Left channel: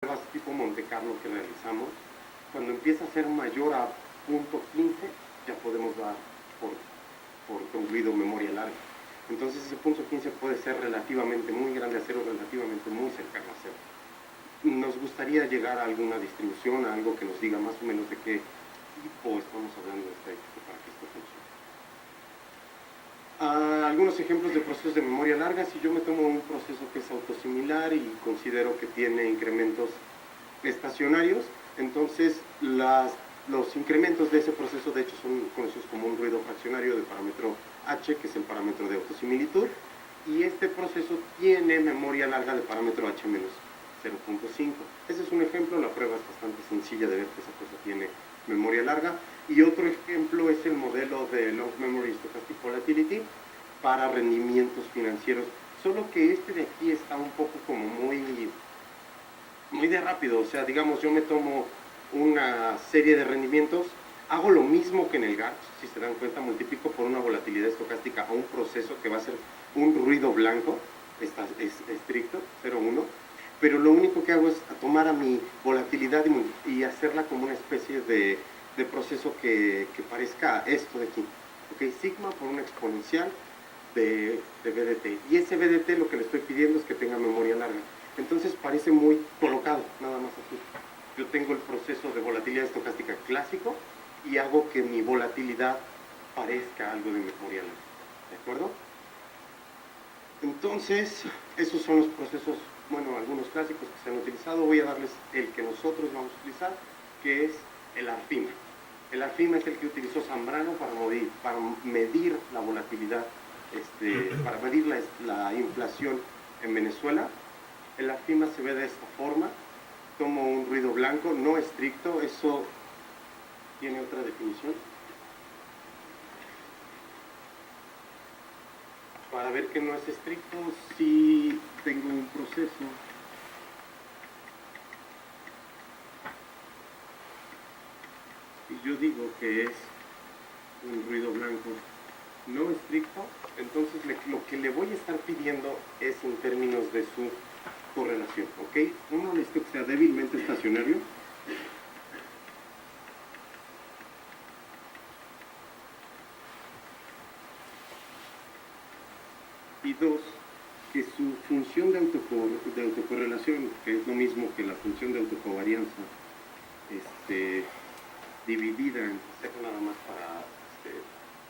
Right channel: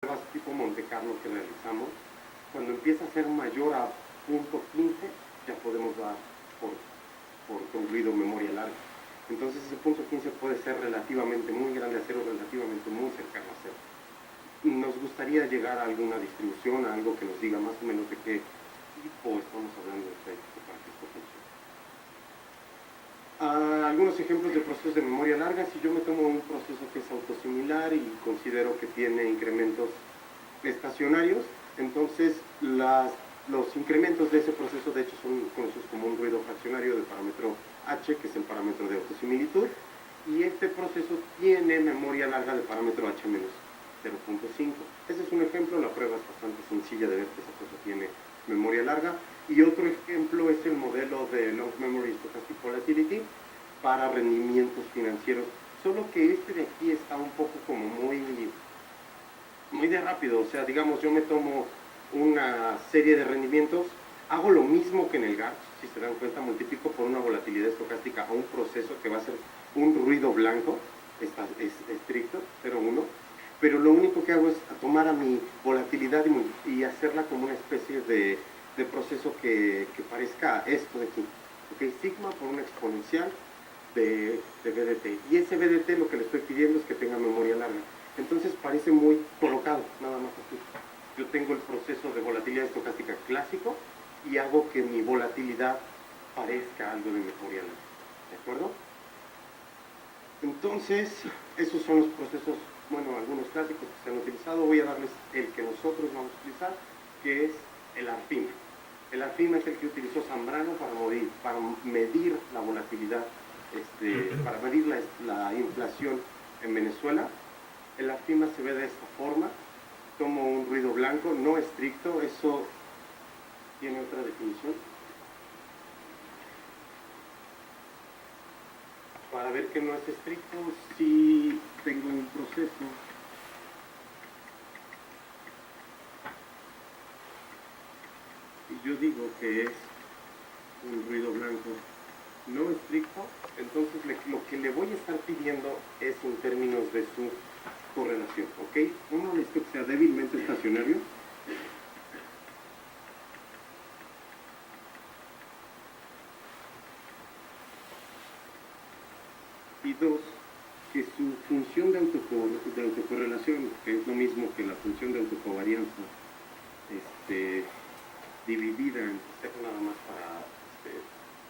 pruebas tipo Monte Carlo que realizamos, cuando empieza a ser mayor a .15, ya podemos dar por concluido memoria larga. Entonces ese .15 puede ser relativamente muy grande a cero, relativamente muy cercano a cero. Nos gustaría llegar a alguna distribución, a algo que nos diga más o menos de qué tipo estamos hablando de estadística para que esto funcione. Algunos ejemplos de procesos de memoria larga. Si yo me tomo un proceso que es autosimilar y considero que tiene incrementos estacionarios, entonces los incrementos de ese proceso de hecho son conocidos como un ruido fraccionario de parámetro h, que es el parámetro de autosimilitud, y este proceso tiene memoria larga de parámetro h menos 0.5. Ese es un ejemplo, la prueba es bastante sencilla de ver que esa cosa tiene memoria larga. Y otro ejemplo es el modelo de Long Memory Stochastic Volatility para rendimientos financieros, solo que este de aquí está un poco como muy de rápido. O sea, digamos, yo me tomo una serie de rendimientos, hago lo mismo que en el GARCH, si se dan cuenta, multiplico por una volatilidad estocástica a un proceso que va a ser un ruido blanco, es estricto, 0,1, pero lo único que hago es tomar a mi volatilidad y hacerla como una especie de proceso que parezca esto de aquí, ¿okay? Sigma por una exponencial de BDT, y ese BDT lo que le estoy pidiendo es que tenga memoria larga. Entonces parece muy colocado, nada más así. Yo tengo el proceso de volatilidad estocástica clásico y hago que mi volatilidad parezca algo de memoria larga, ¿de acuerdo? Entonces, esos son los procesos, bueno, algunos clásicos que se han utilizado. Voy a darles el que nosotros vamos a utilizar, que es el ARFIMA. El ARFIMA es el que utilizó Zambrano para medir la volatilidad, para medir la inflación en Venezuela. El ARFIMA se ve de esta forma. Tomo un ruido blanco, no estricto, eso tiene otra definición. Para ver que no es estricto, si tengo un proceso y yo digo que es un ruido blanco no estricto, entonces lo que le voy a estar pidiendo es en términos de su correlación, ¿ok? Uno necesita que sea débilmente estacionario. Y dos, que su función de autocorrelación, que es lo mismo que la función de autocovarianza, dividida en cero nada más para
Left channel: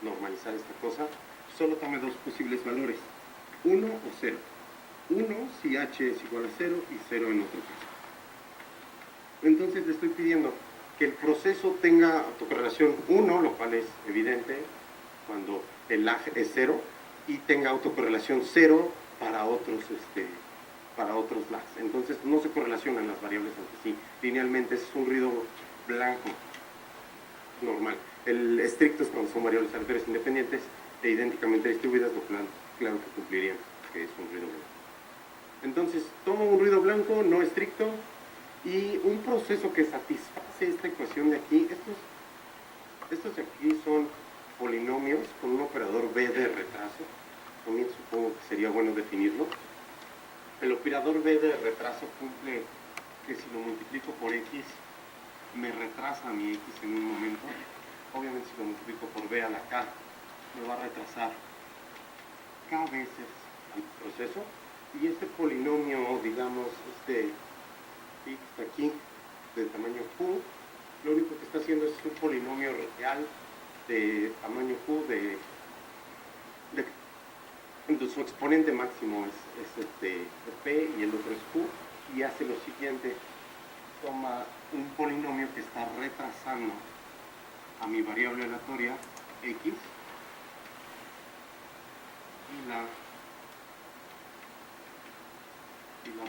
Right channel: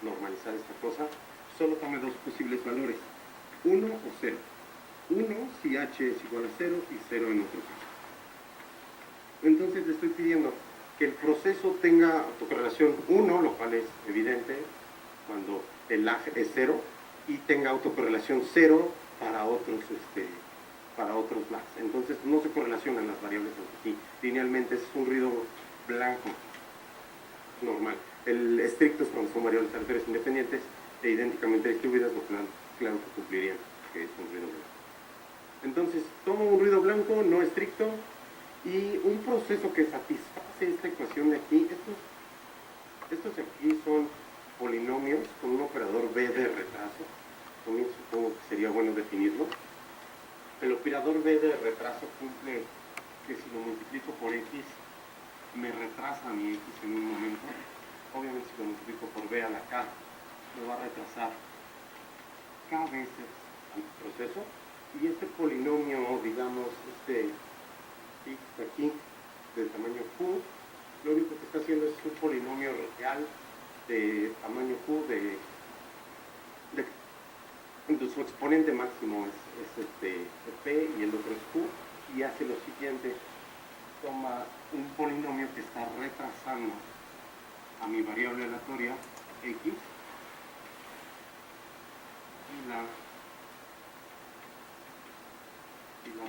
normalizar esta cosa, solo tome dos posibles valores, 1 o 0. 1 si h es igual a 0 y 0 en otro caso. Entonces le estoy pidiendo que el proceso tenga autocorrelación 1, lo cual es evidente cuando el lag es 0, y tenga autocorrelación 0 para otros lags. Entonces no se correlacionan las variables entre sí. Linealmente es un ruido blanco normal. El estricto es cuando son variables aleatorias independientes e idénticamente distribuidas, lo cual claro que cumplirían que es un ruido blanco. Entonces tomo un ruido blanco no estricto y un proceso que satisface esta ecuación de aquí. Estos de aquí son polinomios con un operador B de retraso. También supongo que sería bueno definirlo. El operador B de retraso cumple que si lo multiplico por X me retrasa mi X en un momento. Obviamente si lo multiplico por B a la K me va a retrasar K veces al proceso. Y este polinomio, digamos, X aquí de tamaño Q, lo único que está haciendo es un polinomio real de tamaño Q entonces su exponente máximo es P y el otro es Q, y hace lo siguiente: toma un polinomio que está retrasando a mi variable aleatoria X y la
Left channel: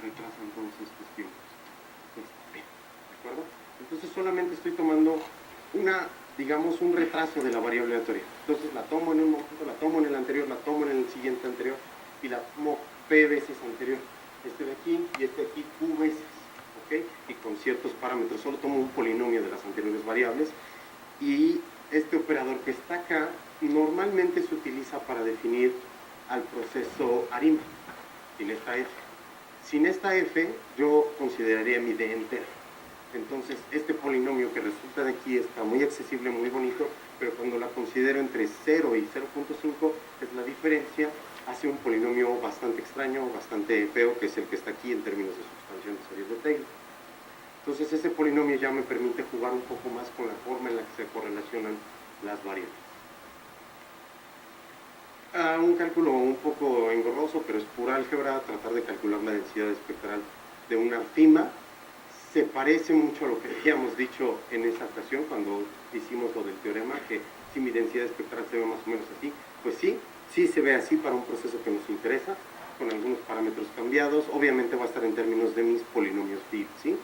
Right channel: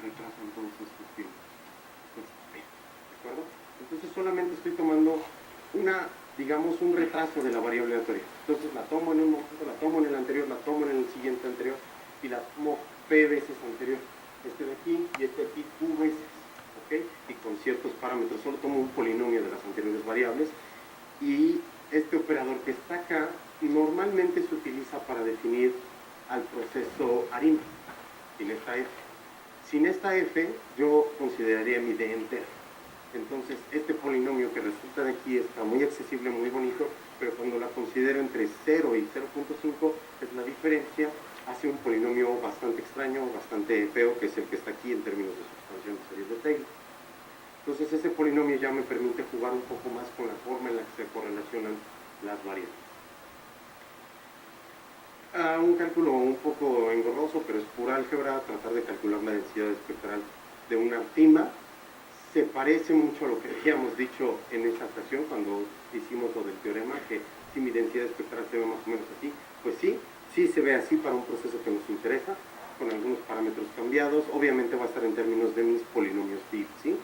retrasa entonces P, ¿de acuerdo? Entonces solamente estoy tomando digamos, un retraso de la variable aleatoria. Entonces la tomo en un momento, la tomo en el anterior, la tomo en el siguiente anterior y la tomo P veces anterior. Este de aquí y este de aquí Q veces, ¿ok? Y con ciertos parámetros. Solo tomo un polinomio de las anteriores variables, y este operador que está acá normalmente se utiliza para definir al proceso ARIMA, en esta F. Sin esta f, yo consideraría mi d entera. Entonces, este polinomio que resulta de aquí está muy accesible, muy bonito, pero cuando la considero entre 0 y 0.5, es la diferencia, hace un polinomio bastante extraño, bastante feo, que es el que está aquí en términos de substanción de series de Taylor. Entonces, ese polinomio ya me permite jugar un poco más con la forma en la que se correlacionan las variables. Un cálculo un poco engorroso, pero es pura álgebra, tratar de calcular la densidad espectral de una fima. Se parece mucho a lo que habíamos dicho en esa ocasión cuando hicimos lo del teorema, que si mi densidad espectral se ve más o menos así, pues sí, sí se ve así para un proceso que nos interesa, con algunos parámetros cambiados. Obviamente va a estar en términos de mis polinomios Field, ¿sí?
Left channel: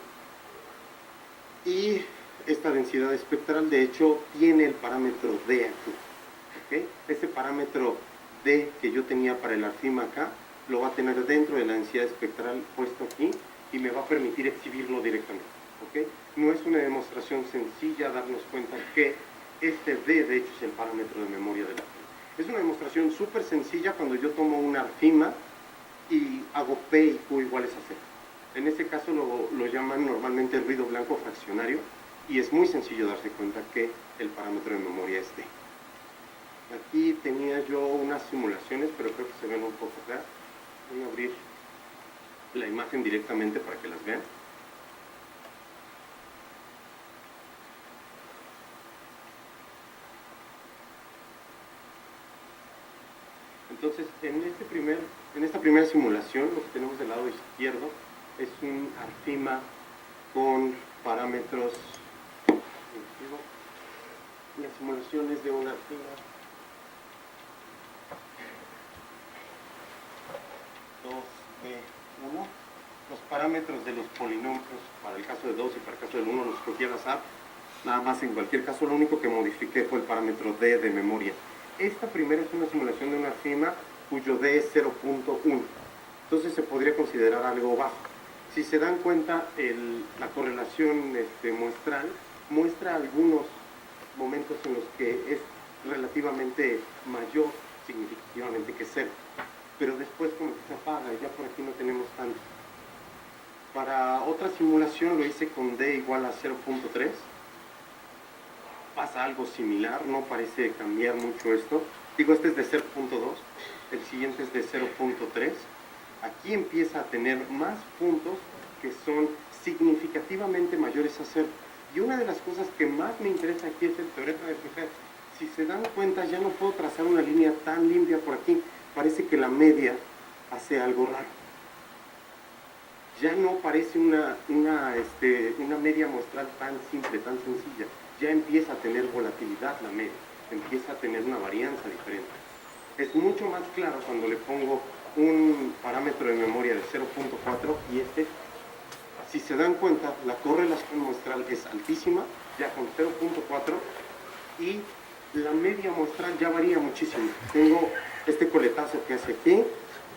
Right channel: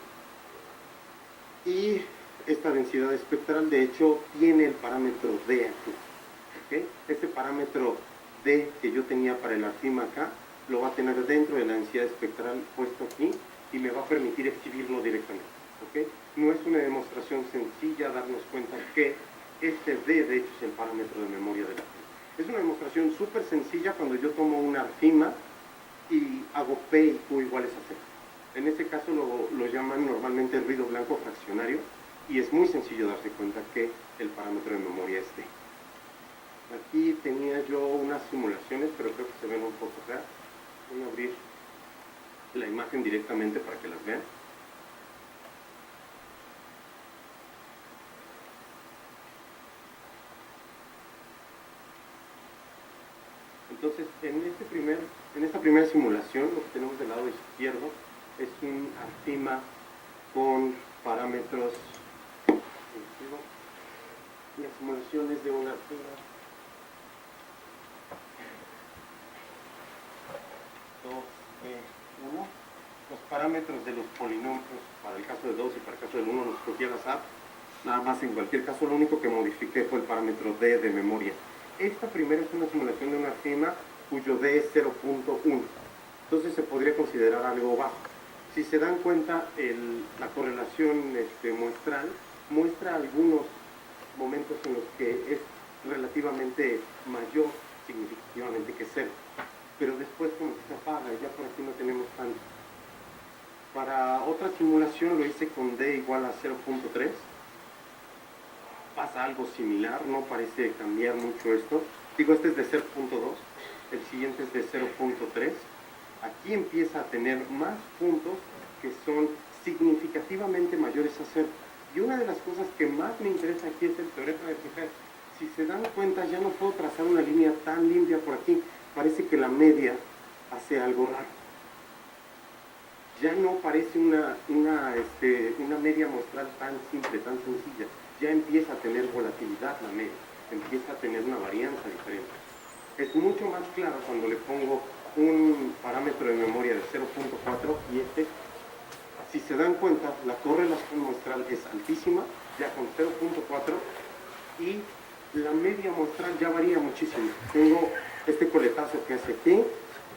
Y esta densidad espectral, de hecho, tiene el parámetro D aquí, ¿ok? Este parámetro D que yo tenía para el arfima acá, lo va a tener dentro de la densidad espectral puesto aquí, y me va a permitir exhibirlo directamente, ¿ok? No es una demostración sencilla darnos cuenta que este D, de hecho, es el parámetro de memoria de la fima. Es una demostración súper sencilla cuando yo tomo una arfima y hago P y Q iguales a 0. En ese caso lo llaman normalmente ruido blanco fraccionario, y es muy sencillo darse cuenta que el parámetro de memoria es D. Aquí tenía yo unas simulaciones, pero creo que se ven un poco feas. Voy a abrir la imagen directamente para que las vean. Entonces, en esta primera simulación, lo que tenemos del lado izquierdo es un arfima con parámetros. La simulación es de un arfima 2B1. Los parámetros de los polinomios, para el caso de 2 y para el caso del 1, los escogí al azar. Nada más, en cualquier caso, lo único que modifiqué fue el parámetro D de memoria. Esta primera es una simulación de una arfima cuyo D es 0.1. Entonces se podría considerar algo bajo. Si se dan cuenta, la correlación muestral muestra algunos momentos en los que es relativamente mayor significativamente que 0. Pero después como que se apaga y ya por aquí no tenemos tanto. Para otra simulación lo hice con D igual a 0.3. Pasa algo similar, no parece cambiar mucho esto. Digo, este es de 0.2, el siguiente es de 0.3. Aquí empieza a tener más puntos que son significativamente mayores a 0. Y una de las cosas que más me interesa aquí es el teorema de Fijel. Si se dan cuenta, ya no puedo trazar una línea tan limpia por aquí. Parece que la media hace algo raro. Ya no parece una media muestral tan simple, tan sencilla. Ya empieza a tener volatilidad la media, empieza a tener una varianza diferente. Es mucho más claro cuando le pongo un parámetro de memoria de 0.4 y si se dan cuenta, la correlación muestral es altísima, ya con 0.4, y la media muestral ya varía muchísimo. Tengo este coletazo que hace aquí,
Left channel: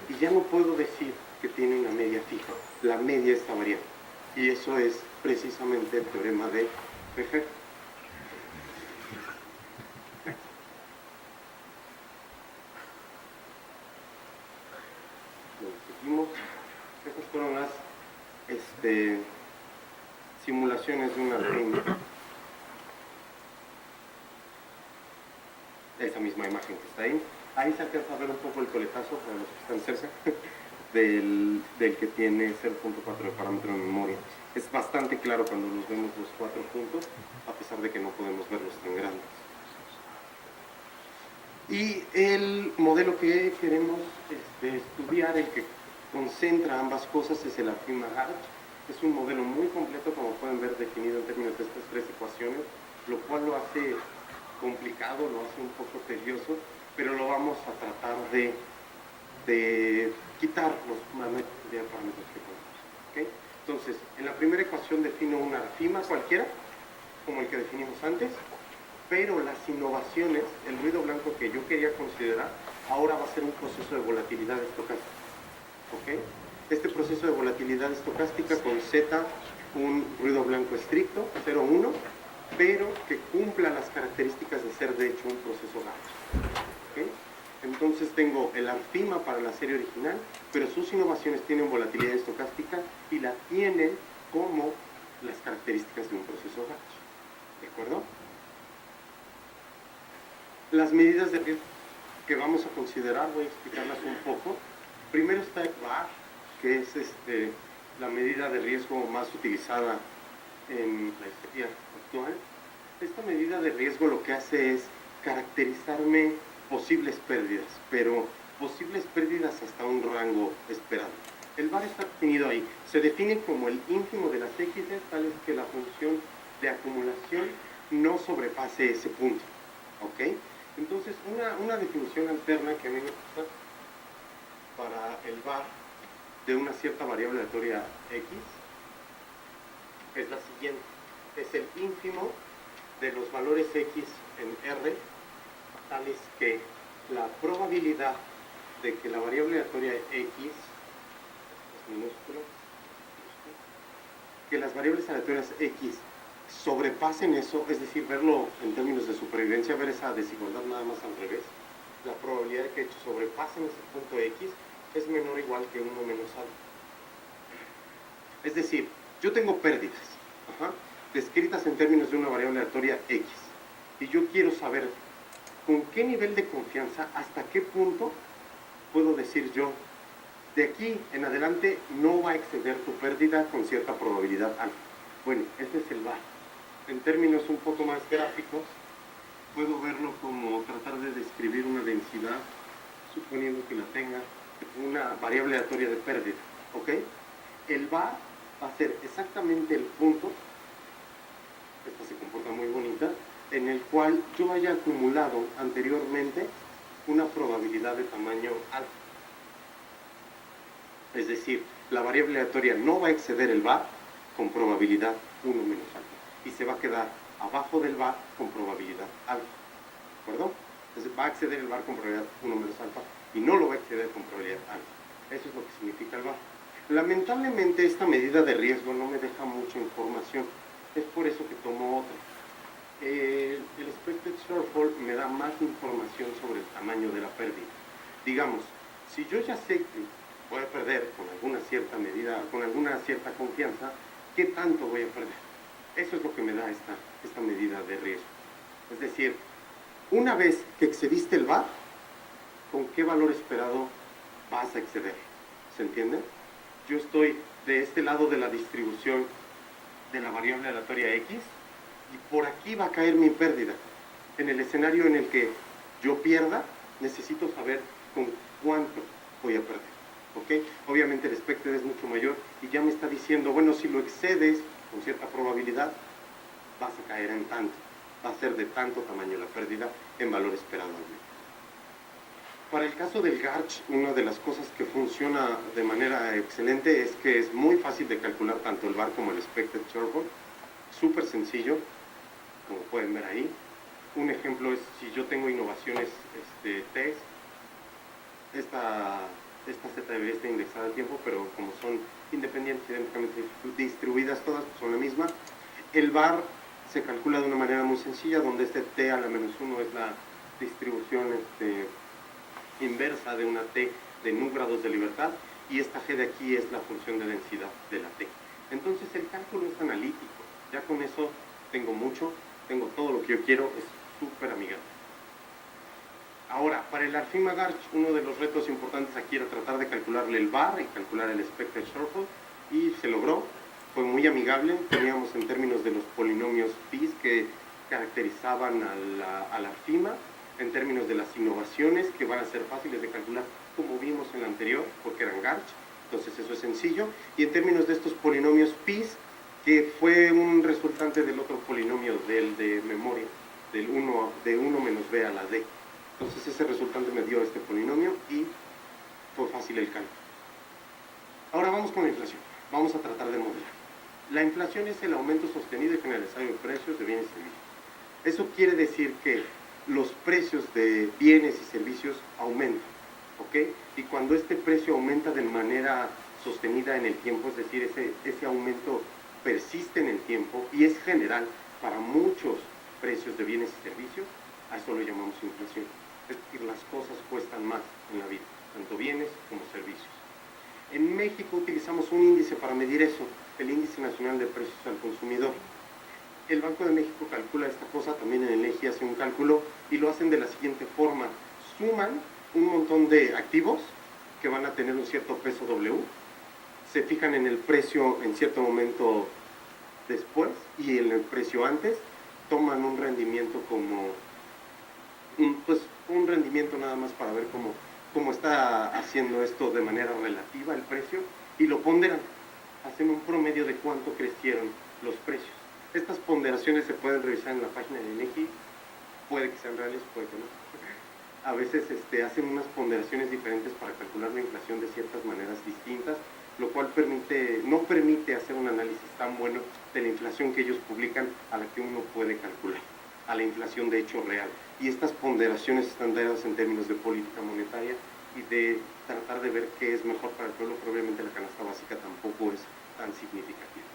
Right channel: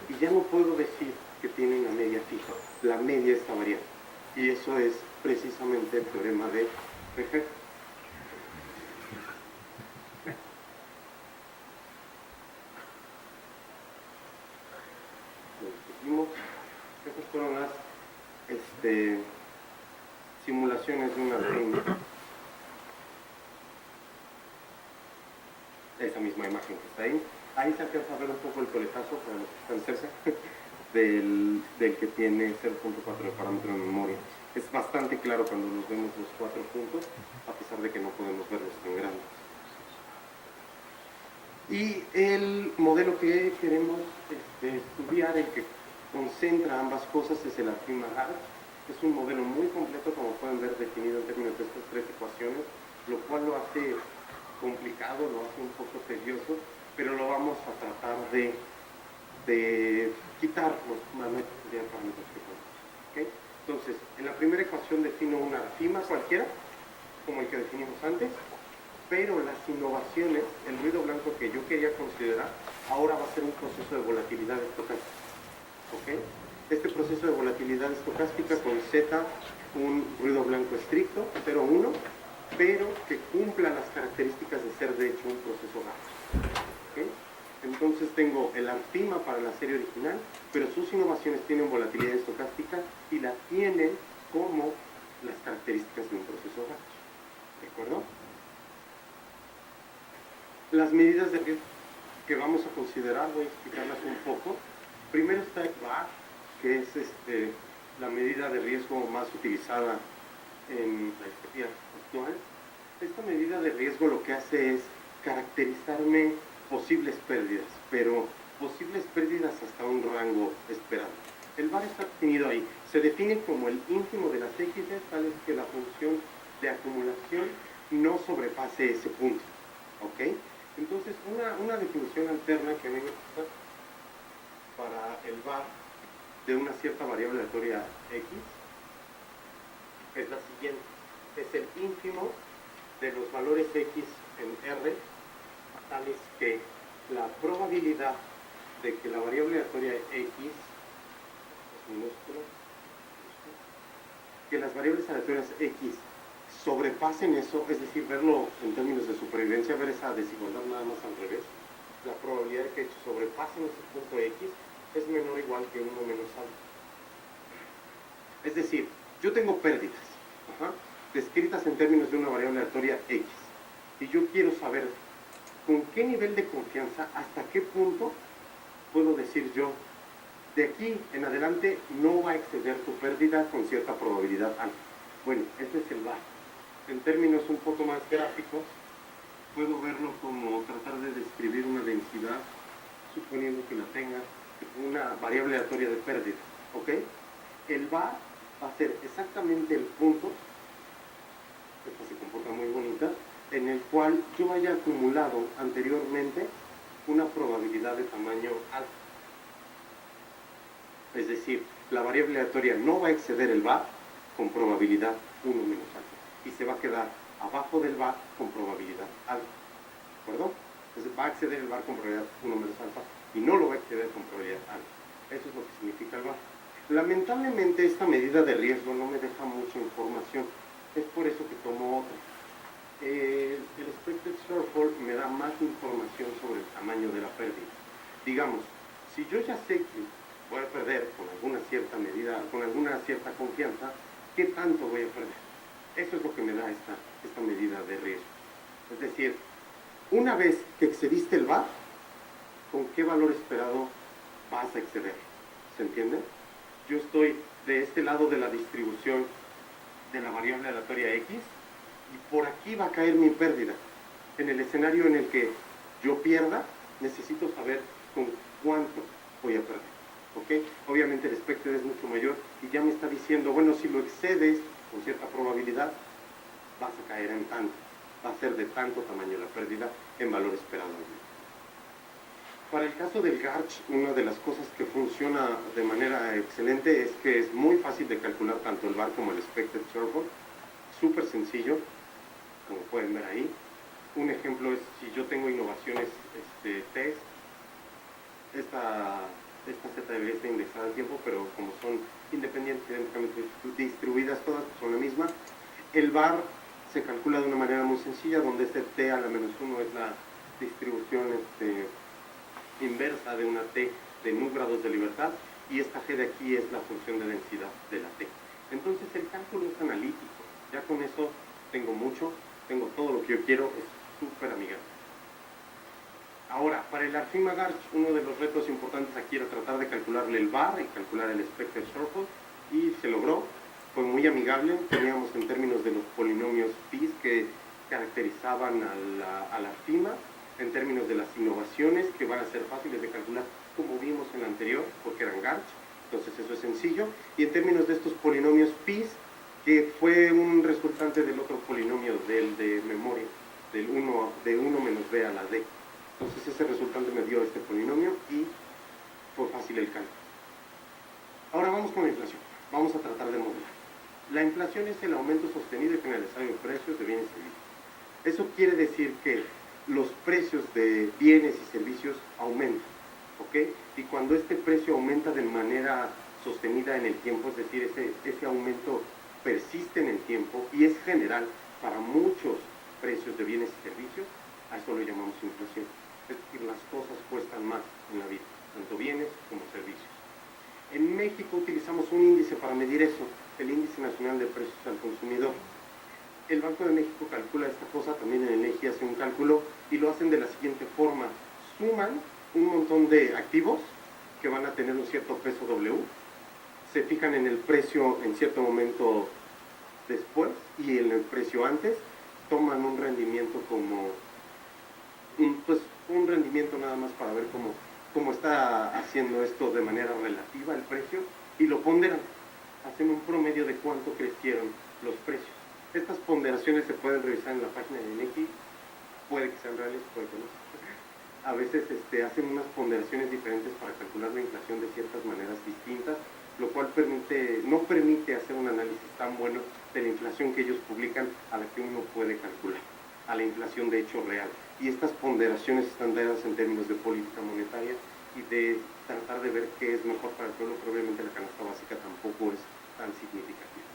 y ya no puedo decir que tiene una media fija. La media está variando. Y eso es precisamente el teorema de Fijel. Estas fueron las simulaciones de una arfima. Esa misma imagen que está ahí. Ahí se alcanza a ver un poco el coletazo para los que están cerca del que tiene 0.4 de parámetro de memoria. Es bastante claro cuando nos vemos los 4 puntos, a pesar de que no podemos verlos tan grandes. Y el modelo que queremos estudiar, el que concentra ambas cosas, es el arfima Harsh. Es un modelo muy completo, como pueden ver, definido en términos de estas 3 ecuaciones, lo cual lo hace complicado, lo hace un poco tedioso, pero lo vamos a tratar de quitar los parámetros que podemos. ¿Okay? Entonces, en la primera ecuación defino una arfima cualquiera, como el que definimos antes, pero las innovaciones, el ruido blanco que yo quería considerar, ahora va a ser un proceso de volatilidad estocástica. ¿Okay? Este proceso de volatilidad estocástica con Z, un ruido blanco estricto, 0,1, pero que cumpla las características de ser de hecho un proceso Gauss. ¿Okay? Entonces tengo el ARFIMA para la serie original, pero sus innovaciones tienen volatilidad estocástica y la tienen como las características de un proceso batch. ¿De acuerdo? Las medidas de riesgo que vamos a considerar, voy a explicarlas un poco. Primero está el VAR, que es la medida de riesgo más utilizada en la historia actual. Esta medida de riesgo lo que hace es caracterizarme posibles pérdidas, pero posibles pérdidas hasta un rango esperado. El VAR está definido ahí. Se define como el ínfimo de las X, tal es que la función de acumulación no sobrepase ese punto. ¿Ok? Entonces, una definición alterna que a mí me gusta para el VAR de una cierta variable aleatoria X es la siguiente. Es el ínfimo de los valores X en R, tales que la probabilidad de que la variable aleatoria X es minúscula, que las variables aleatorias X sobrepasen eso, es decir, verlo en términos de supervivencia, ver esa desigualdad nada más al revés, la probabilidad de que sobrepasen ese punto X es menor o igual que 1 menos algo. Es decir, yo tengo pérdidas, descritas en términos de una variable aleatoria X, y yo quiero saber con qué nivel de confianza, hasta qué punto puedo decir yo, de aquí en adelante no va a exceder tu pérdida con cierta probabilidad alta. Bueno, este es el VAR. En términos un poco más gráficos, puedo verlo como tratar de describir una densidad, suponiendo que la tenga, una variable aleatoria de pérdida, ¿ok? El VAR va a ser exactamente el punto, esta se comporta muy bonita, en el cual yo haya acumulado anteriormente una probabilidad de tamaño alto. Es decir, la variable aleatoria no va a exceder el VAR con probabilidad 1 menos alta. Y se va a quedar abajo del VAR con probabilidad alta. ¿De acuerdo? Entonces va a exceder el VAR con probabilidad 1 menos alta y no lo va a exceder con probabilidad alta. Eso es lo que significa el VAR. Lamentablemente esta medida de riesgo no me deja mucha información. Es por eso que tomo otra. El expected shortfall me da más información sobre el tamaño de la pérdida. Digamos, si yo ya sé que voy a perder con alguna cierta medida, con alguna cierta confianza, ¿qué tanto voy a perder? Eso es lo que me da esta medida de riesgo. Es decir, una vez que excediste el VAR, ¿con qué valor esperado vas a exceder? ¿Se entiende? Yo estoy de este lado de la distribución de la variable aleatoria X y por aquí va a caer mi pérdida. En el escenario en el que yo pierda, necesito saber con cuánto voy a perder. ¿Okay? Obviamente el expected es mucho mayor y ya me está diciendo, bueno, si lo excedes con cierta probabilidad, vas a caer en tanto. Va a ser de tanto tamaño la pérdida en valor esperado. Para el caso del GARCH, una de las cosas que funciona de manera excelente es que es muy fácil de calcular tanto el VAR como el expected shortfall. Súper sencillo, como pueden ver ahí. Un ejemplo es si yo tengo innovaciones test, esta Z debería estar indexada al tiempo, pero como son independientes, idénticamente distribuidas todas, pues son la misma. El VAR se calcula de una manera muy sencilla, donde este T a la menos 1 es la distribución inversa de una T de nu grados de libertad, y esta G de aquí es la función de densidad de la T. Entonces el cálculo es analítico, ya con eso tengo mucho, tengo todo lo que yo quiero, es súper amigable. Ahora, para el ARFIMA GARCH, uno de los retos importantes aquí era tratar de calcularle el VAR y calcular el expected shortfall, y se logró, fue muy amigable. Teníamos en términos de los polinomios PIS que caracterizaban al ARFIMA, en términos de las innovaciones que van a ser fáciles de calcular, como vimos en la anterior, porque eran GARCH, entonces eso es sencillo, y en términos de estos polinomios PIS, que fue un resultante del otro polinomio, del de memoria, de 1 menos b a la d. Entonces ese resultante me dio este polinomio y fue fácil el cálculo. Ahora vamos con la inflación. Vamos a tratar de modelar. La inflación es el aumento sostenido y generalizado de precios de bienes y servicios. Eso quiere decir que los precios de bienes y servicios aumentan, ¿ok? Y cuando este precio aumenta de manera sostenida en el tiempo, es decir, ese aumento persiste en el tiempo y es general para muchos precios de bienes y servicios, a eso lo llamamos inflación. Es decir, las cosas cuestan más en la vida, tanto bienes como servicios. En México utilizamos un índice para medir eso, el Índice Nacional de Precios al Consumidor. El Banco de México calcula esta cosa, también en el INEGI hace un cálculo y lo hacen de la siguiente forma. Suman un montón de activos que van a tener un cierto peso W, se fijan en el precio en cierto momento después y en el precio antes, toman un rendimiento como, un rendimiento nada más para ver cómo está haciendo esto de manera relativa el precio y lo ponderan, hacen un promedio de cuánto crecieron los precios. Estas ponderaciones se pueden revisar en la página de INEGI, puede que sean reales, puede que no. A veces hacen unas ponderaciones diferentes para calcular la inflación de ciertas maneras distintas, lo cual no permite hacer un análisis tan bueno de la inflación que ellos publican a la que uno puede calcular, a la inflación de hecho real. Y estas ponderaciones están dadas en términos de política monetaria y de tratar de ver qué es mejor para el pueblo, pero obviamente la canasta básica tampoco es tan significativa.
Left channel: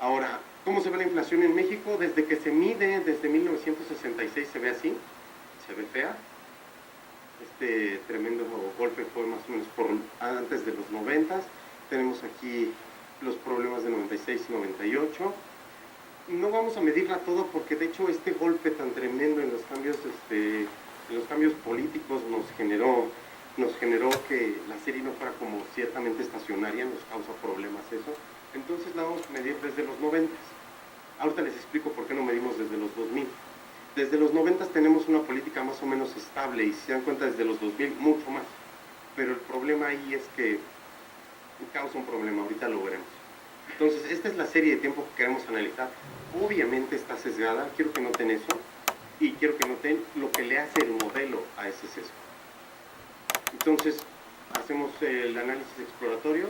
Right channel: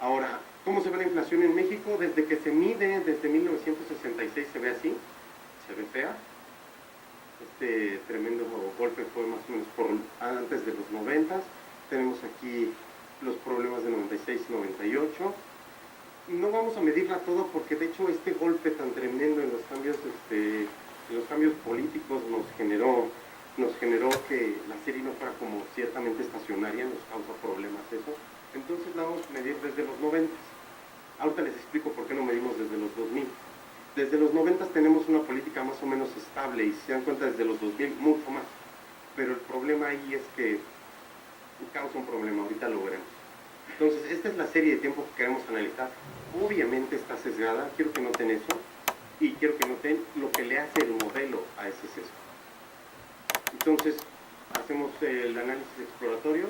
Ahora, ¿cómo se ve la inflación en México? Desde que se mide, desde 1966 se ve así, se ve fea. Este tremendo golpe fue más o menos antes de los 90. Tenemos aquí los problemas de 96 y 98. No vamos a medirla todo porque de hecho este golpe tan tremendo en los cambios políticos nos generó que la serie no fuera como ciertamente estacionaria, nos causa problemas eso. Entonces la vamos a medir desde los 90. Ahorita les explico por qué no medimos desde los 2000. Desde los 90 tenemos una política más o menos estable y si se dan cuenta desde los 2000 mucho más. Pero el problema ahí es que causa un problema, ahorita lo veremos. Entonces, esta es la serie de tiempo que queremos analizar. Obviamente está sesgada, quiero que noten eso, y quiero que noten lo que le hace el modelo a ese sesgo. Entonces, hacemos el análisis exploratorio,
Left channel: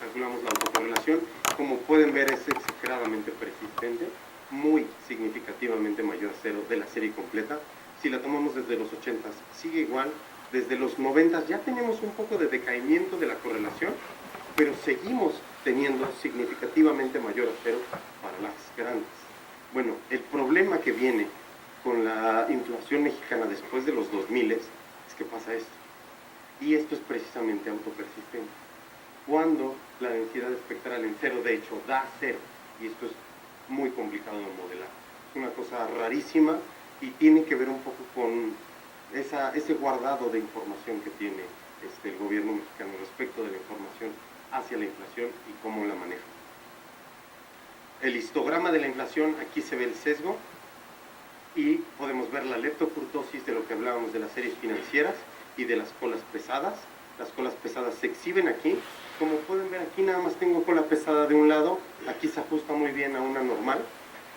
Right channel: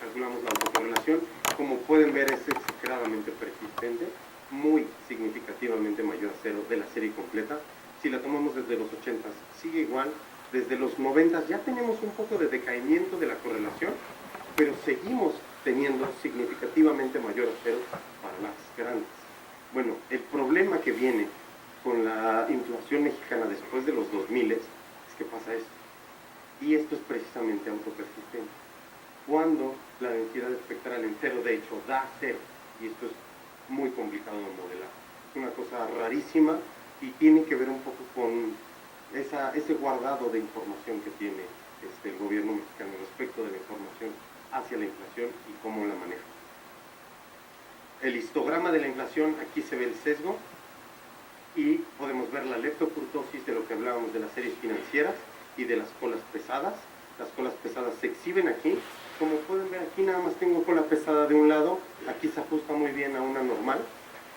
calculamos la autocorrelación, como pueden ver es exageradamente persistente, muy significativamente mayor a cero de la serie completa. Si la tomamos desde los 80 sigue igual, desde los 90 ya tenemos un poco de decaimiento de la correlación, pero seguimos teniendo significativamente mayor a cero para las grandes. Bueno, el problema que viene con la inflación mexicana después de los 2000 es que pasa esto, y esto es precisamente autopersistente. Cuando la densidad espectral en cero, de hecho, da cero, y esto es muy complicado de modelar. Es una cosa rarísima y tiene que ver un poco con ese guardado de información que tiene el gobierno mexicano respecto de la información hacia la inflación y cómo la maneja. El histograma de la inflación, aquí se ve el sesgo y podemos ver la leptocurtosis de lo que hablábamos de las series financieras y de las colas pesadas. Las colas pesadas se exhiben aquí. Como pueden ver aquí nada más tengo cola pesada de un lado, aquí se ajusta muy bien a una normal,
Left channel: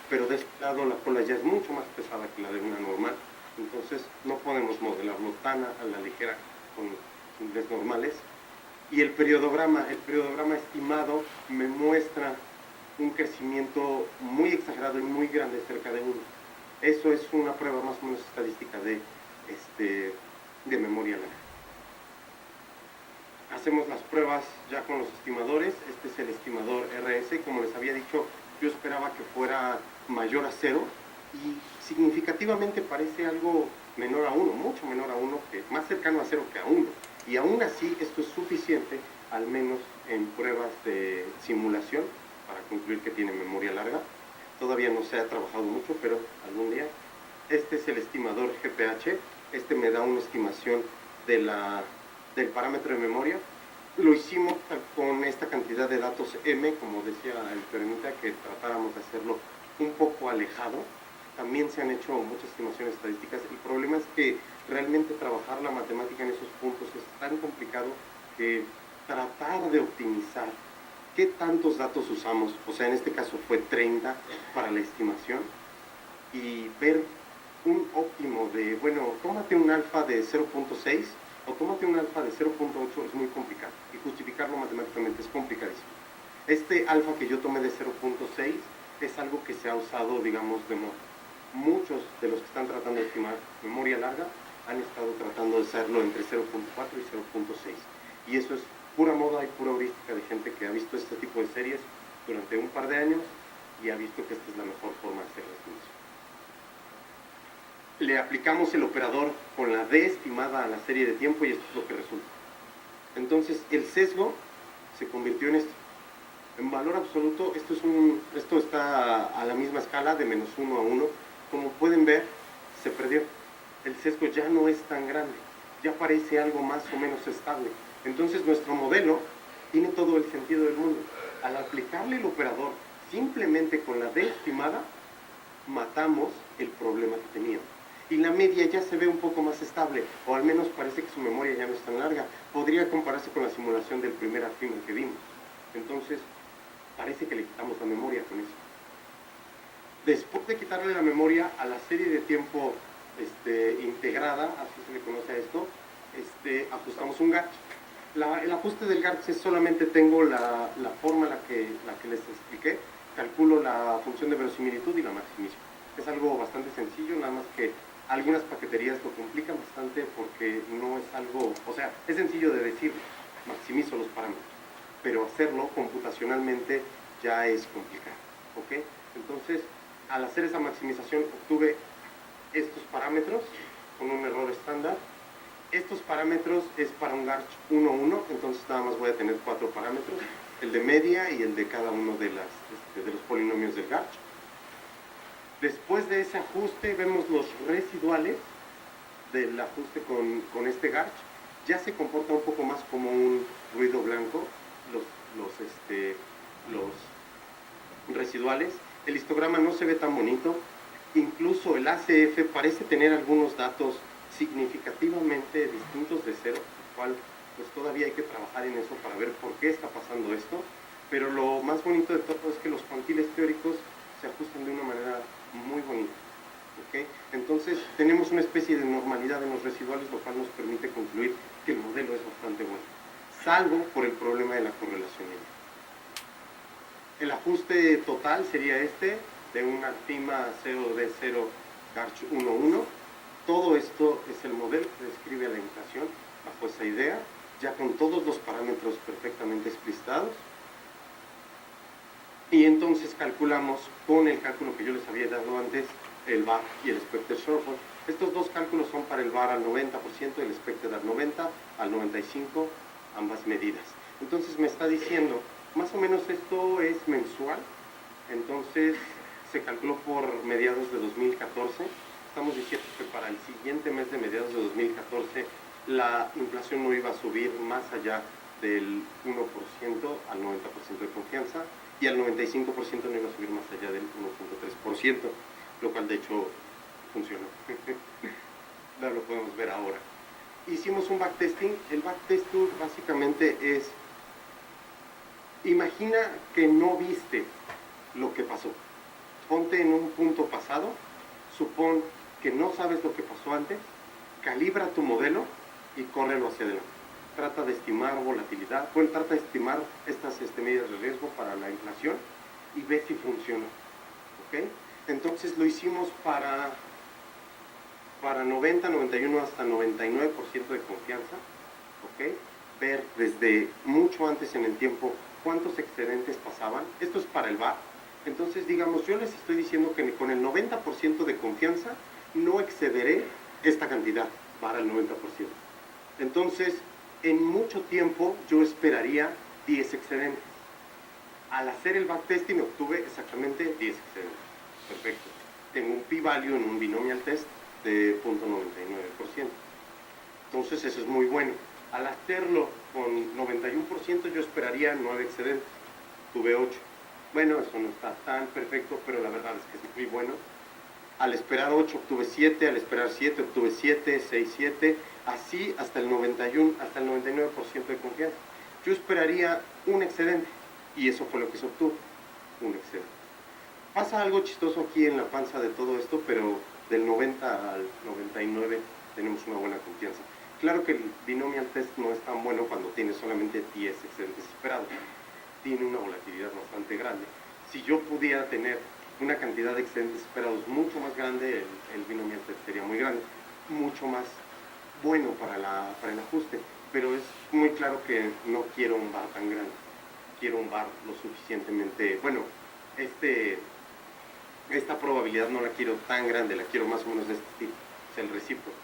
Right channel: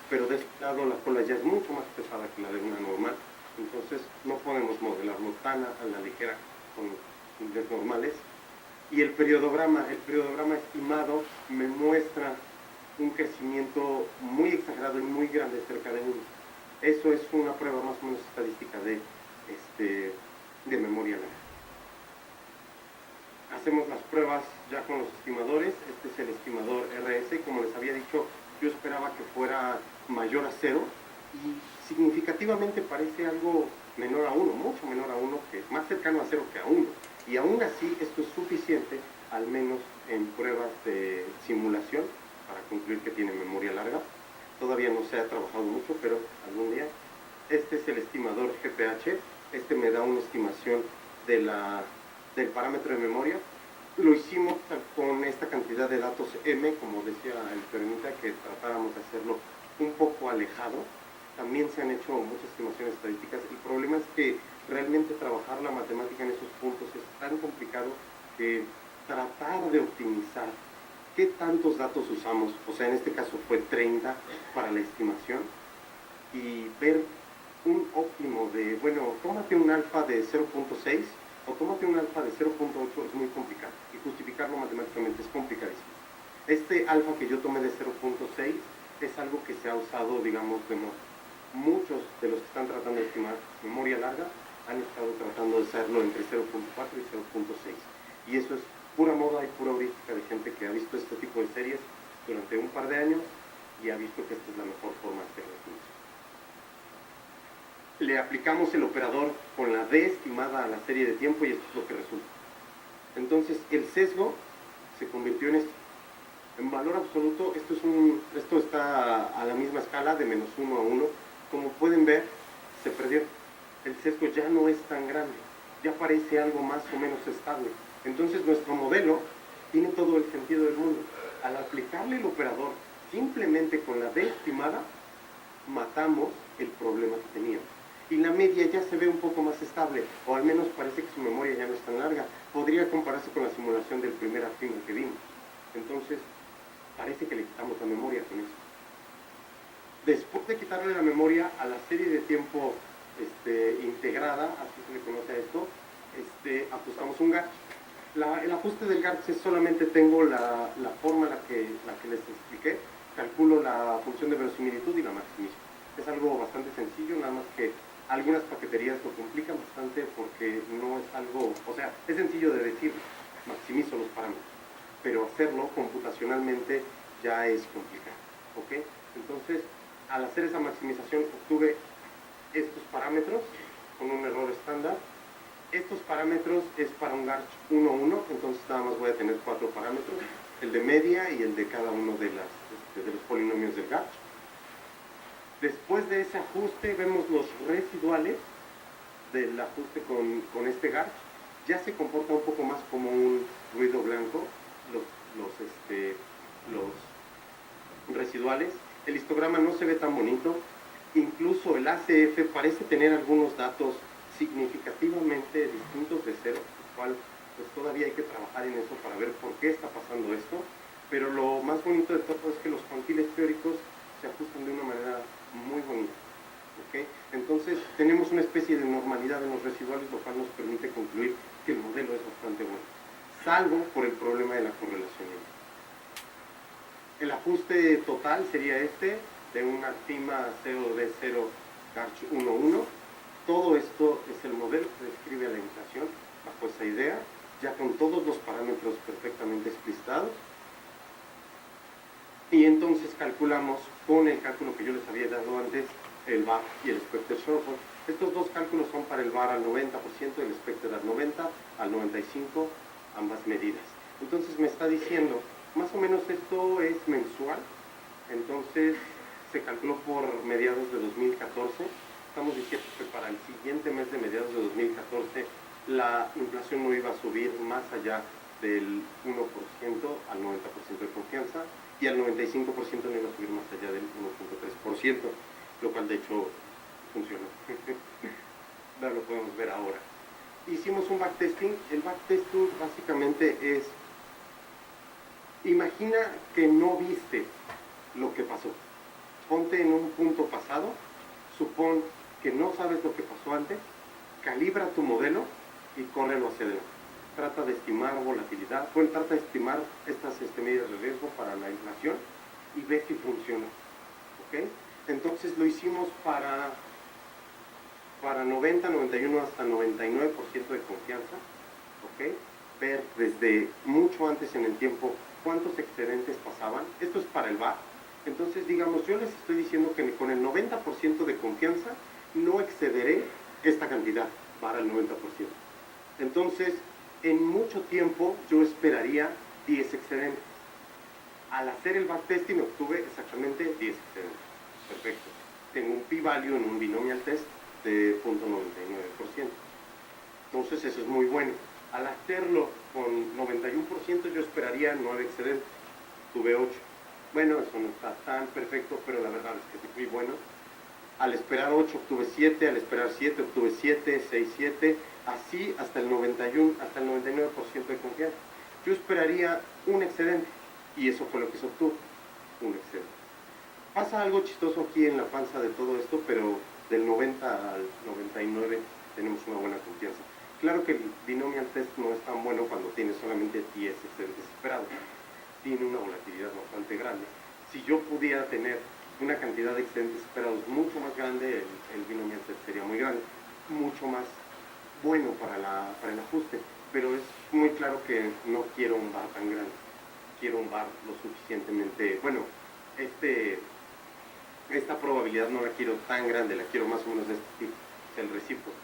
pero de este lado la cola ya es mucho más pesada que la de una normal, entonces no podemos modelarlo tan a la ligera con índices normales. Y el periodograma estimado me muestra un crecimiento muy exagerado y muy grande, cerca de 1. Eso es una prueba más o menos estadística de memoria larga. Hacemos las pruebas ya con los estimadores. Este es el estimador RS. Como les había dicho, yo esperaba que fuera mayor a 0 y significativamente parece algo menor a 1, mucho menor a 1, más cercano a 0 que a 1. Y aún así esto es suficiente, al menos en pruebas de simulación, para concluir que tiene memoria larga. Todavía no se ha trabajado mucho, pero algún día. Este es el estimador GPH. Este me da una estimación del parámetro de memoria. Lo hicimos con esta cantidad de datos M, como decía el Perenita, que tratáramos de hacerlo un poco alejado. También se han hecho muchas estimaciones estadísticas. El problema es que realmente trabajar la matemática en esos puntos es tan complicado que tratar de optimizar qué tantos datos usamos, o sea, en este caso fue 30 para la estimación, y ver un óptimo de, bueno, tómate un alfa de 0.6 o tómate un alfa de 0.8 es muy complicado, y justificarlo matemáticamente es complicadísimo. Este alfa que yo tomé de 0.6 es algo que se ha usado, digamos, de moda. Muchos de los que están tratando de estimar memoria larga han estado tratando de hacerlo entre 0.4 y 0.6. Y eso es pura moda y pura heurística de gente que ha visto este tipo de series durante un par de años y ha visto que esta es la mejor forma de hacer la estimación. le aplicamos el operador con la D estimada a la serie de tiempo y esto es lo que resulta. Entonces, el sesgo se convirtió en esto. En valor absoluto, esto está a la misma escala de -1 a 1. Como pueden ver, se perdió. El sesgo ya no es tan grande, ya parece algo más o menos estable. Entonces, nuestro modelo tiene todo el sentido del mundo. Al aplicarle el operador simplemente con la D estimada, matamos el problema que teníamos. Y la media ya se ve un poco más estable, o al menos parece que su memoria ya no es tan larga. Podría compararse con la simulación del primer artículo que vimos. Entonces, parece que le quitamos la memoria con eso. Después de quitarle la memoria a la serie de tiempo integrada, así se le conoce a esto, ajustamos un GARCH. El ajuste del GARCH es solamente tengo la forma la que les expliqué, calculo la función de verosimilitud y la maximizo. Es algo bastante sencillo, nada más que algunas paqueterías lo complican bastante porque no es algo, o sea, es sencillo de decir, maximizo los parámetros, pero hacerlo computacionalmente ya es complicado, ¿ok? Entonces, al hacer esa maximización obtuve estos parámetros con un error estándar. Estos parámetros es para un GARCH 1-1, entonces nada más voy a tener 4 parámetros, el de media y el de cada uno de los polinomios del GARCH. Después de ese ajuste vemos los residuales del ajuste con este GARCH. Ya se comporta un poco más como un ruido blanco, los residuales. El histograma no se ve tan bonito, incluso el ACF parece tener algunos datos significativamente distintos de cero, lo cual pues todavía hay que trabajar en eso para ver por qué está pasando esto, pero lo más bonito de todo es que los cuantiles teóricos se ajustan de una manera muy bonita. ¿Okay? Entonces tenemos una especie de normalidad en los residuales, lo cual nos permite concluir que el modelo es bastante bueno, salvo por el problema de la correlación. El ajuste total sería de una FIMA 0D0 GARCH 1-1. Todo esto es el modelo que describe la inflación bajo esa idea, ya con todos los parámetros perfectamente explicitados. Y entonces calculamos con el cálculo que yo les había dado antes, el VAR y el expected shortfall. Estos dos cálculos son para el VAR al 90% y el expected al 90%, al 95%, ambas medidas. Entonces me está diciendo, más o menos esto es mensual, entonces se calculó por mediados de 2014. Estamos diciendo que para el siguiente mes de mediados de 2014 la inflación no iba a subir más allá del 1% al 90% de confianza y al 95% no iba a subir más allá del 1.3%, lo cual de hecho funcionó. Ya lo podemos ver ahora. Hicimos un backtesting. El backtesting básicamente es, imagina que no viste lo que pasó. Ponte en un punto pasado, supón que no sabes lo que pasó antes, calibra tu modelo y córrelo hacia adelante. Trata de estimar volatilidad, trata de estimar estas medidas de riesgo para la inflación y ve si funciona. ¿Ok? Entonces lo hicimos para 90, 91 hasta 99% de confianza. ¿Ok? Ver desde mucho antes en el tiempo cuántos excedentes pasaban. Esto es para el VAR. Entonces, digamos, yo les estoy diciendo que con el 90% de confianza no excederé esta cantidad, para el 90%. Entonces, en mucho tiempo yo esperaría 10 excedentes. Al hacer el backtesting obtuve exactamente 10 excedentes. Perfecto. Tengo un p-value en un binomial test de 0.99%. Entonces, eso es muy bueno. Al hacerlo con 91% yo esperaría 9 excedentes. Tuve 8. Bueno, eso no está tan perfecto, pero la verdad es que es muy bueno. Al esperar 8 obtuve 7, al esperar 7 obtuve 7, 6, 7, así hasta el 91, hasta el 99% de confianza. Yo esperaría un excedente y eso fue lo que se obtuvo, un excedente. Pasa algo chistoso aquí en la panza de todo esto, pero del 90 al 99 tenemos una buena confianza. Claro que el binomial test no es tan bueno cuando tiene solamente 10 excedentes esperados. Tiene una volatilidad bastante grande. Si yo pudiera tener una cantidad de excedentes esperados mucho más grande, el binomial test sería muy grande, mucho más bueno para el ajuste, pero es muy claro que no quiero un VAR tan grande, quiero un VAR lo suficientemente, bueno, esta probabilidad no la quiero tan grande, la quiero más o menos de este tipo. sea, el recíproco.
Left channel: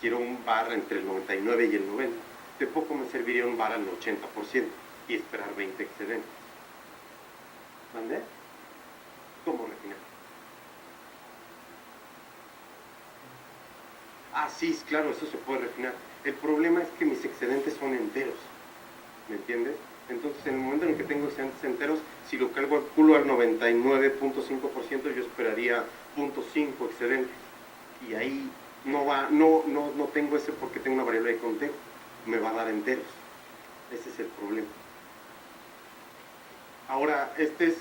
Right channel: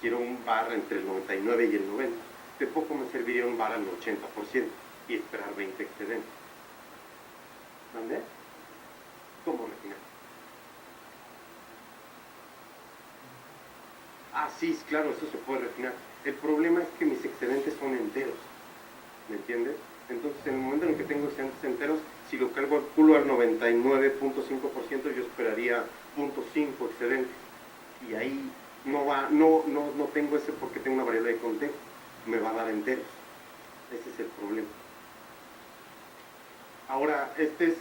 Quiero un VAR entre el 99 y el 90. De poco me serviría un VAR al 80% y esperar 20 excedentes. ¿Dónde? ¿Cómo refinar? Ah, sí, claro, eso se puede refinar. El problema es que mis excedentes son enteros, ¿me entiendes? Entonces, en el momento en el que tengo excedentes enteros, si lo calculo al 99.5%, yo esperaría 0.5 excedentes. Y ahí no tengo ese porque tengo una variable de conteo. Me va a dar enteros. Ese es el problema. Ahora, esta es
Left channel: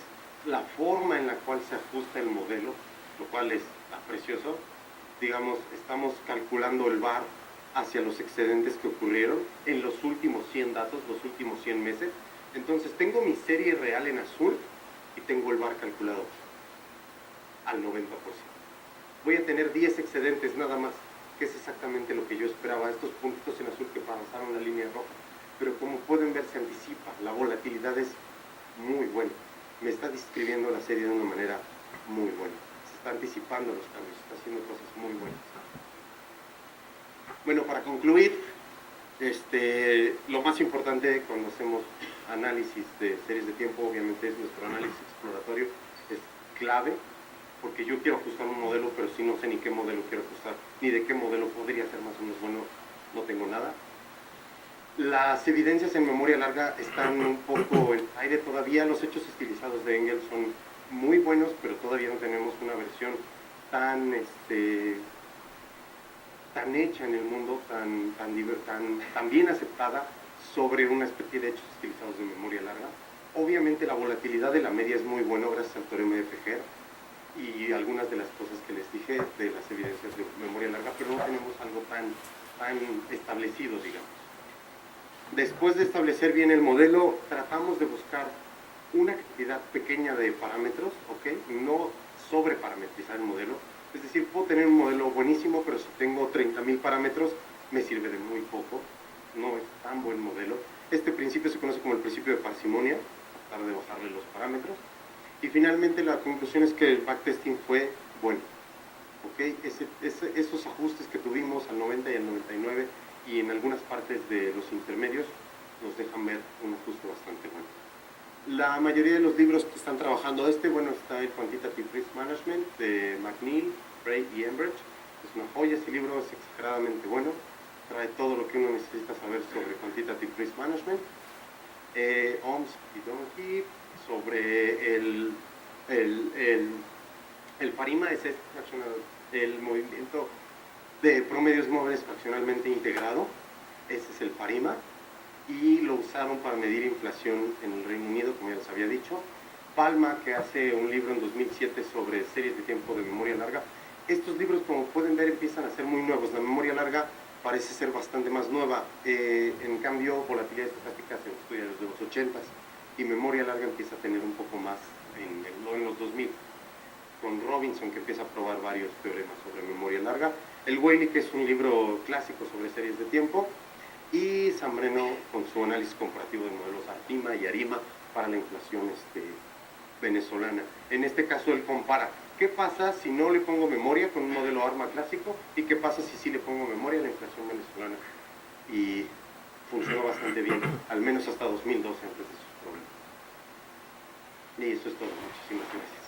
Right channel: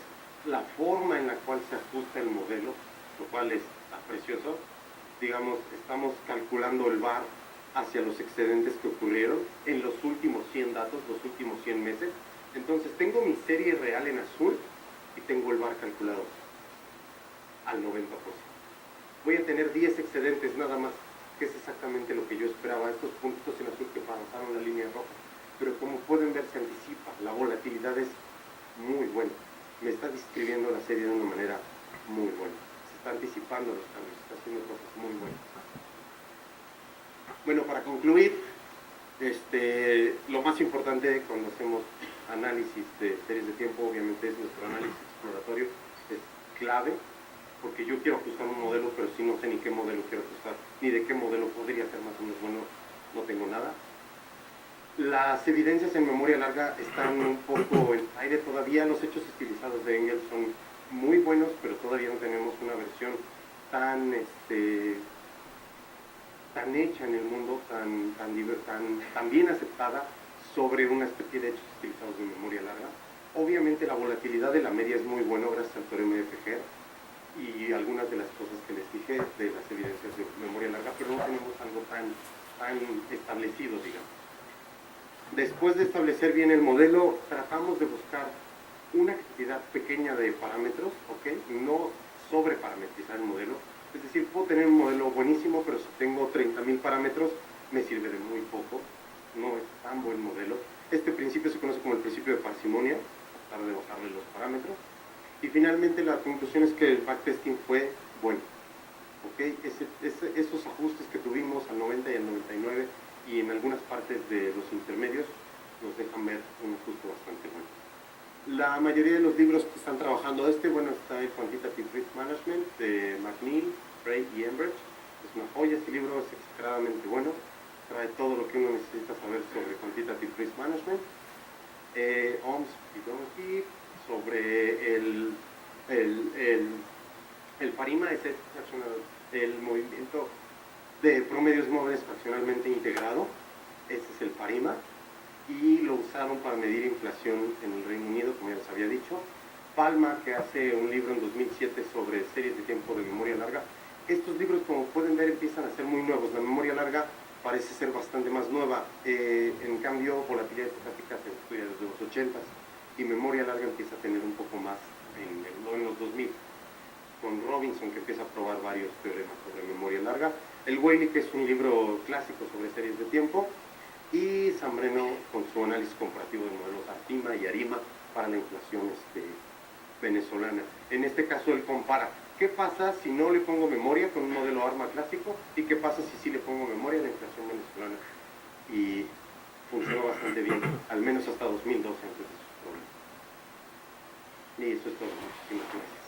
la forma en la cual se ajusta el modelo, lo cual está precioso. Digamos, estamos calculando el VAR hacia los excedentes que ocurrieron en los últimos 100 datos, los últimos 100 meses. Entonces, tengo mi serie real en azul y tengo el VAR calculado al 90%. Voy a tener 10 excedentes nada más, que es exactamente lo que yo esperaba, estos puntitos en azul que pasaron la línea roja. Pero como pueden ver, se anticipa, la volatilidad es muy buena. Me está describiendo la serie de una manera muy buena. Se está anticipando los cambios, está haciendo cosas muy buenas. Bueno, para concluir, lo más importante cuando hacemos análisis de series de tiempo, obviamente, es nuestro análisis exploratorio, es clave, porque yo quiero ajustar un modelo, pero si no sé ni qué modelo quiero ajustar, ni de qué modelo podría ser más o menos bueno, no tengo nada. Las evidencias en memoria larga están un poco en aire todavía. Los hechos estilizados de Engels son muy buenos, pero todavía no tenemos una versión tan hecha en el mundo, tan bien aceptada sobre una especie de hechos estilizados de memoria larga. Obviamente la volatilidad de la media es muy buena gracias al teorema de Fejer y algunas de las cosas que les dije de las evidencias de memoria larga, pero no tenemos algo tan establecido, digamos. Después de establecer bien el modelo, tratamos de buscar una cantidad pequeña de parámetros, ¿ok? No sobreparametrizar el modelo. Es decir, puedo tener un modelo buenísimo, pero si tengo 30.000 parámetros, me sirve de muy poco. No es tan buen modelo. Este principio se conoce como el principio de parsimonia, tratar de bajarle los parámetros. Y finalmente la conclusión es que el backtesting fue bueno. ¿Ok? Esos ajustes que tuvimos al 90 y al 99 y en algunas partes de los intermedios nos dejan ver un ajuste bastante bueno. La mayoría de los libros que están trabajando bueno, está el Quantitative Risk Management de McNeil, Bray y Enbridge. Es una joya, ese libro es exageradamente bueno, trae todo lo que uno necesita saber sobre Quantitative Risk Management. OMS y Donoghue sobre el PARIMA, es el movimiento de promedios móviles fraccionalmente integrado, ese es el PARIMA, y lo usaron para medir inflación en el Reino Unido, como ya les había dicho. Palma, que hace un libro en 2007 sobre series de tiempo de memoria larga. Estos libros, como pueden ver, empiezan a ser muy nuevos. La memoria larga parece ser bastante más nueva. En cambio, volatilidad estocástica se estudia desde los 80s y memoria larga empieza a tener un poco más en los 2000, con Robinson, que empieza a probar varios teoremas sobre memoria larga. El Whaley, que es un libro clásico sobre series de tiempo, y Zambreno con su análisis comparativo de modelos Artima y Arima para la inflación venezolana. En este caso él compara qué pasa si no le pongo memoria con un modelo ARMA clásico y qué pasa si sí le pongo memoria a la inflación venezolana. Y funcionó bastante bien, al menos hasta 2012 antes de sus problemas. Y eso es todo. Muchísimas gracias.